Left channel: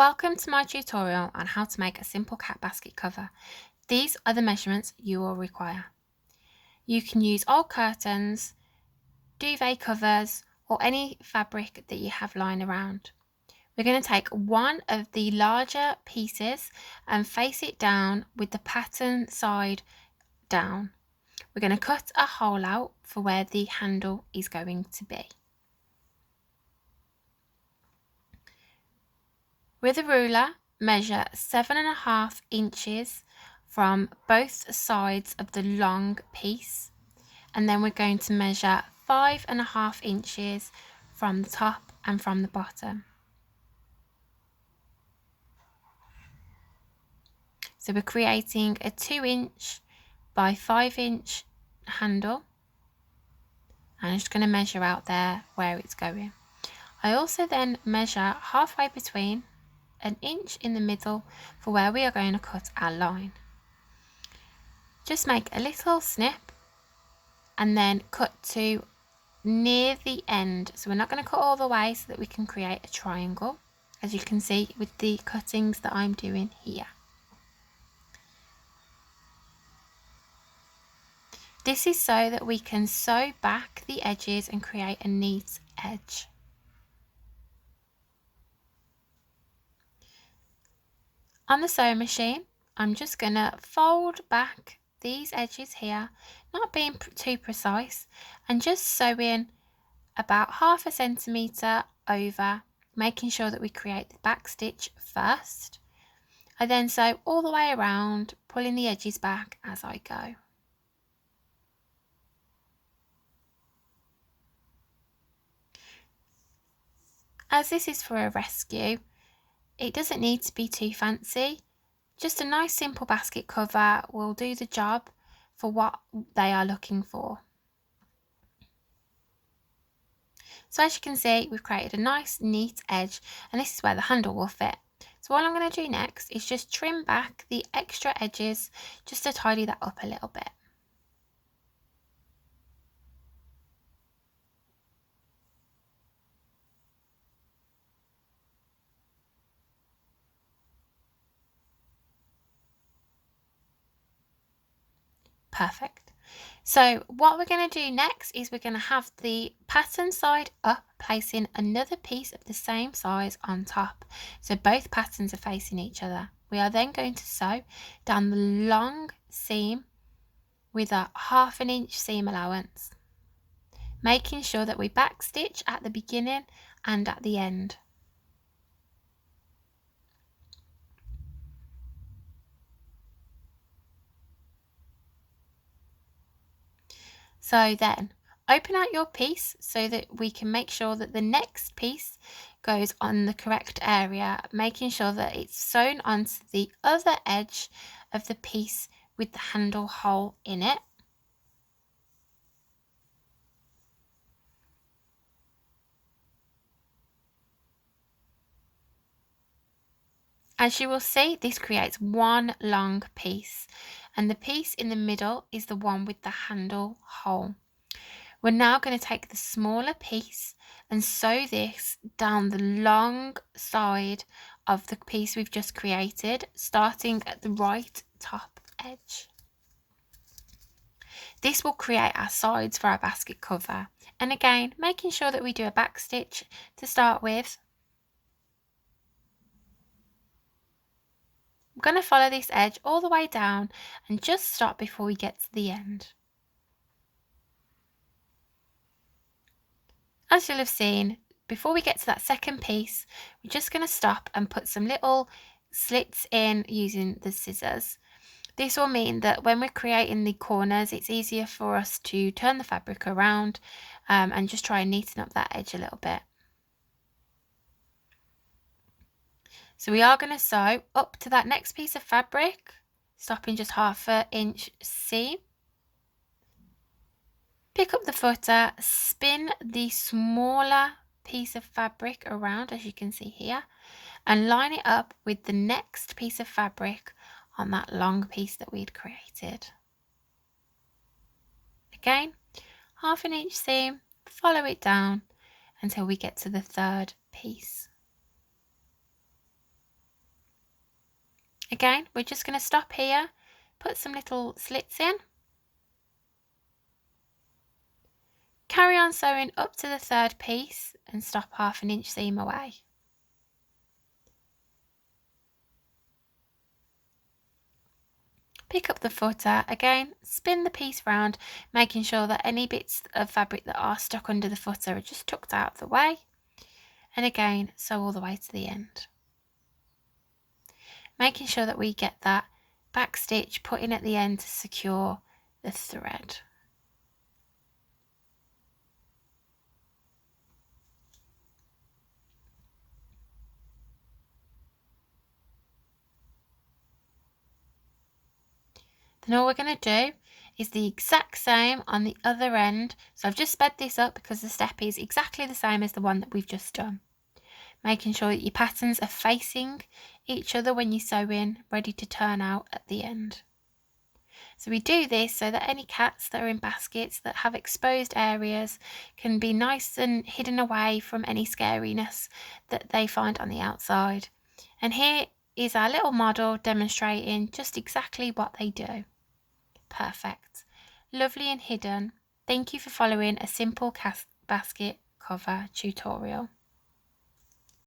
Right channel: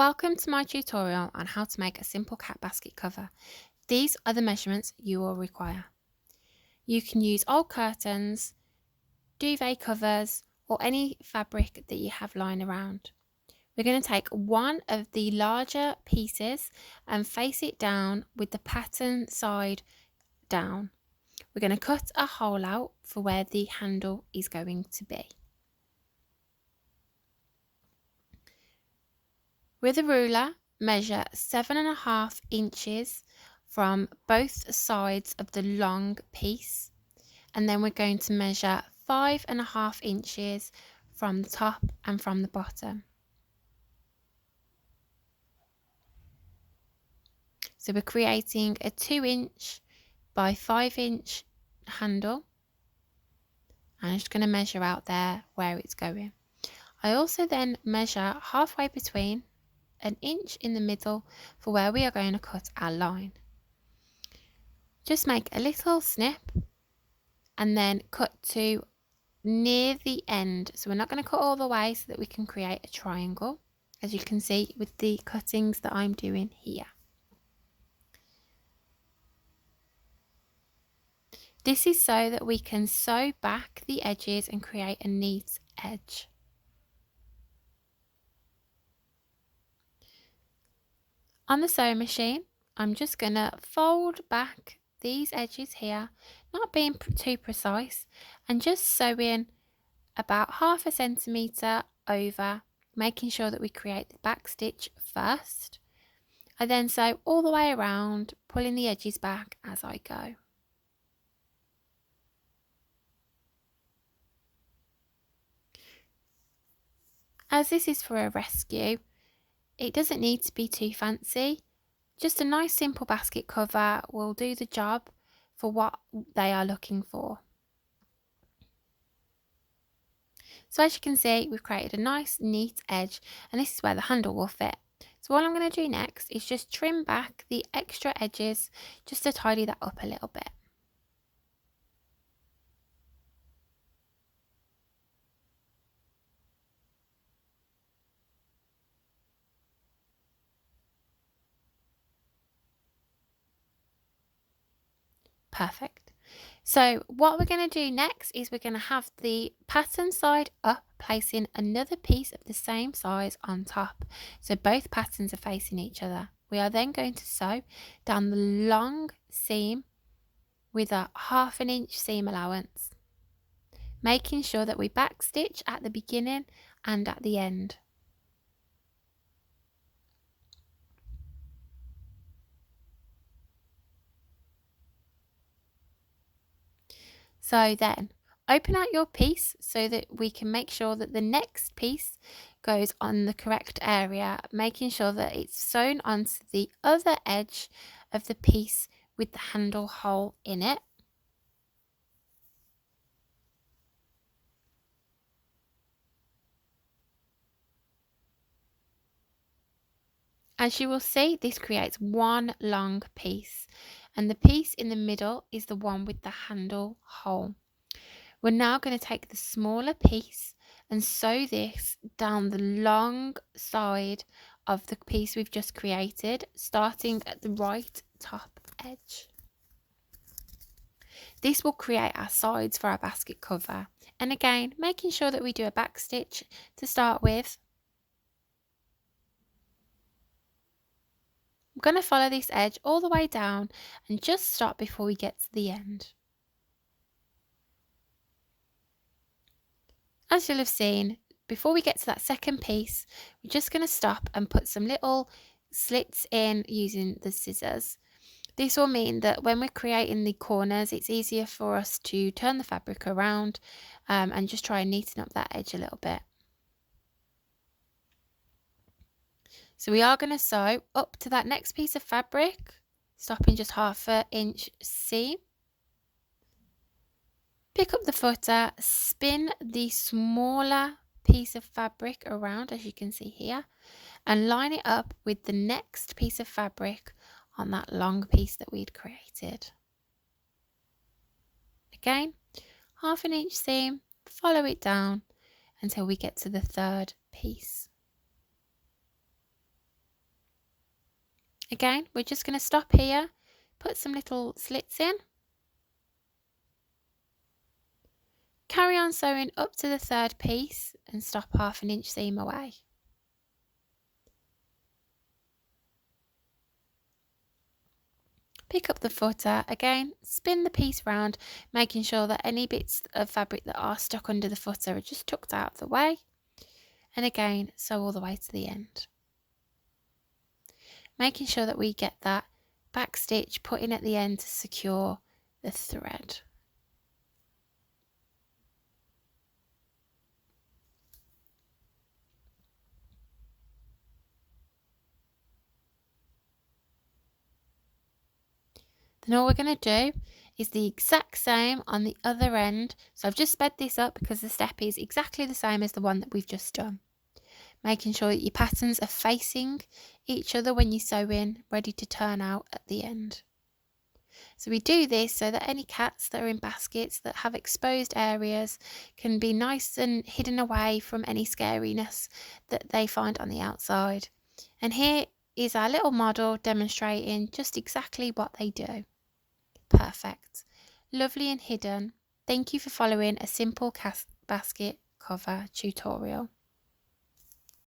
Welcome to my tutorial on how to make a simple cat basket cover. These are the measurements you will require. You can use old curtains, duvet covers, or any fabric that you have lying around. We're going to take one of the larger pieces and face it down with the pattern side down. We're going to cut a hole out for where the handle is going to be. With a ruler, measure 7.5 inches from both sides of the long piece, and then we're going to measure 5.5 inches from the top and from the bottom. So we're creating a 2-inch by 5-inch handle, and I'm just going to measure out there where it's going. I also then measure halfway between, an inch in the middle for where we are going to cut our line. Just make a little snip and then cut to near the end. So we're not going to cut all the way so that we can create a triangle, as you can see with the cuttings that I'm doing here. This is so that we can sew back the edges and create a neat edge. On the sewing machine, I'm just going to fold back these edges here, not being too precise, and just sewing about 1/2 centimetre over, making sure that we create the back stitch first. I then sew all the way around, pulling the edges back as I go. As this is for a rescue, it doesn't need to be too fancy. Just a nice simple basket cover will do the job for what they are looking for. So as you can see, we've created a nice neat edge, and this is where the handle will fit. So all I'm going to do next is just trim back the extra edges just to tidy that up a little bit. Perfect. So what we're going to do next is we're going to have the pattern side up, placing another piece of the same size on top. So both patterns are facing each other. We are then going to sew down the long seam with a 1/2 inch seam allowance, making sure that we backstitch at the beginning and at the end. So then open out your piece so that we can make sure that the next piece goes on the correct area, making sure that it's sewn onto the other edge of the piece with the handle hole in it. As you will see, this creates one long piece, and the piece in the middle is the one with the handle hole. We're now going to take the smaller piece and sew this down the long side of the piece we've just created, starting at the right top edge. This will create our sides for our basket cover, and again making sure that we do a back stitch to start with. I'm going to follow this edge all the way down and just stop before we get to the end. As you'll have seen, before we get to that second piece, we're just going to stop and put some little slits in using the scissors. This will mean that when we're creating the corners, it's easier for us to turn the fabric around and just try and neaten up that edge a little bit. So we are going to sew up to that next piece of fabric, stopping just 1/2 inch seam. Pick up the footer, spin the smaller piece of fabric around, as you can see here, and line it up with the next piece of fabric on that long piece that we'd created. Again, 1/2 inch seam, follow it down until we get to the third piece. Again, we're just going to stop here, put some little slits in, carry on sewing up to the third piece and stop 1/2 inch seam away. Pick up the footer, again spin the piece round, making sure that any bits of fabric that are stuck under the footer are just tucked out of the way, and again sew all the way to the end. Making sure that we get that back stitch put in at the end to secure the thread. Then all we're going to do is the exact same on the other end. So I've just sped this up because the step is exactly the same as the one that we've just done. Making sure that your patterns are facing each other when you sew in, ready to turn out at the end. So we do this so that any cats that are in baskets that have exposed areas can be nice and hidden away from any scariness that they find on the outside. And here is our little model demonstrating just exactly what they do. Perfect. Lovely and hidden. Thank you for following a simple basket cover tutorial.